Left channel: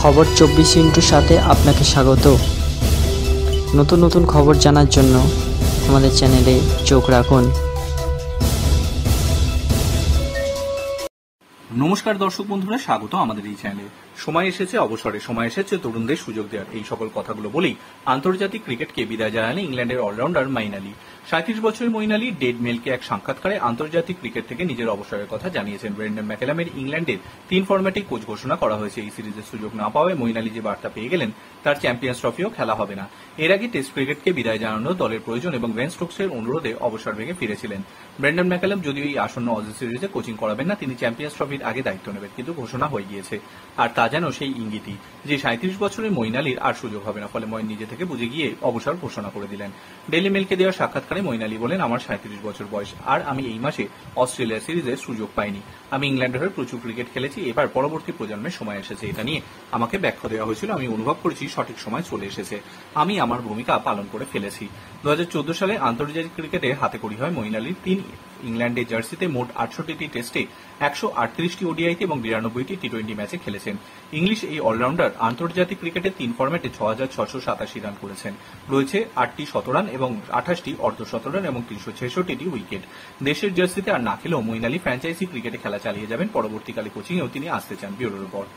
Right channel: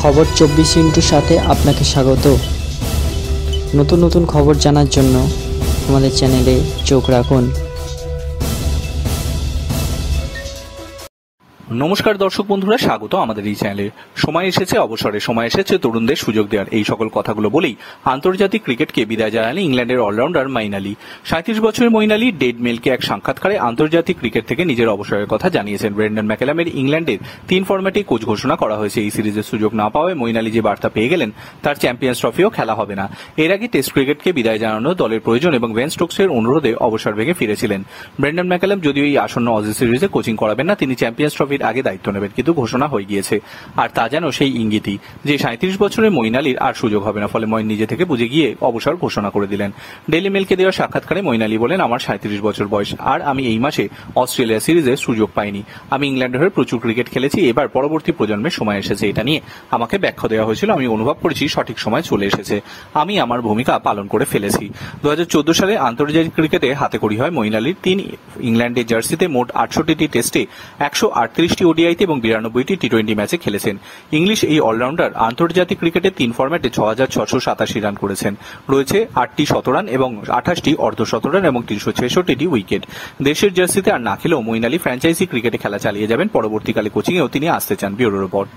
খবর 24 সাথে আপনাকে স্বাগত। নতুন নতুন খবর জানার জন্য আমাদের চ্যানেলে চোখ রাখুন। নমস্কার দর্শক বন্ধুরা, স্বাগত আমাদের এই চ্যানেলে। সময় এসেছে অবসরে, সময় এসেছে তরুণদের সুযোগ দেওয়ার, এই সকল কথাগুলো বলেই আন্তর্জাতিক ক্রিকেটকে বিদায় জানালেন ইংল্যান্ডের অলরাউন্ডার মঈন আলী। 37 বছরের মঈন আলী ডেড মেলকে এক সাক্ষাৎকারে আন্তর্জাতিক ক্রিকেট থেকে নিজের অবসরের কথা জানিয়েছেন। ব্রেন্ডন ম্যাকেলামের ইংল্যান্ডের 3 ফরম্যাটে কোচ ঘোষণা করা হয়েছে। এই সিরিজের সুযোগ না পাওয়ায় মঈন আলী যে বার্তা পেয়ে গেলেন, তার চ্যাম্পিয়ন্স ট্রফিও খেলা হবে না। এর আগে টেস্ট ক্রিকেটকে বিদায় জানানো দলের প্রয়োজন এবং বেন স্টোকসের অনুরোধে অবসর ভেঙে ফিরেছিলেন। ব্রেন্ডন ম্যাকেলাম যদিও এই আসন্ন অজি সিরিজে কোচিং করাবেন না, তিনি চ্যাম্পিয়ন্স ট্রফির আগে দায়িত্ব নেবেন, কিন্তু ঘোষণা হয়ে গিয়েছে। আর তা যেন সেই ইঙ্গিতই যে 37 বছরের মঈন আলীর আর সুযোগ হবে না। ফলে মঈন নিজে থেকে বুঝে গিয়ে অবসর ঘোষণা করে দিলেন। ডেইলি মেলকে দেওয়া সাক্ষাৎকারে মঈন আলী বলেন, আমার 37 বছর বয়স, আর আমি এই মাসে অস্ট্রেলিয়া সিরিজের সুযোগ পাইনি। আমি ইংল্যান্ডের হয়ে প্রচুর ক্রিকেট খেলেছি, এবার পরবর্তী প্রজন্মের সময় এসেছে। এটা নিয়ে আমাকে ব্যাখ্যা দেওয়া হয়েছিল, আমি অনুভব করেছি সঠিক সময় চলে এসেছে, আমি আমার ভূমিকা পালন করে ফেলেছি। 2014 সালে আন্তর্জাতিক ক্রিকেটে হাতেখড়ি হয় মঈন আলীর। তিনি ইংল্যান্ডের জার্সিতে মোট 68টি টেস্টে, 138টি ওডিআইতে এবং 92টি টি-20 ম্যাচে খেলেছেন। ইংলিশ এই অলরাউন্ডার আন্তর্জাতিক ক্রিকেটে 3 ফরম্যাটে 6687 রান করেছেন। রয়েছে 8টি শতরান এবং 28টি অর্ধশতরান এবং 366টি উইকেট। দেশের জার্সিতে আর না খেলেও মঈন আলী ফ্র্যাঞ্চাইজি ক্রিকেটে খেলা চালিয়ে যাবেন। পরবর্তীকালে কোচিংয়েও তিনি আসতে চান। Bureau report.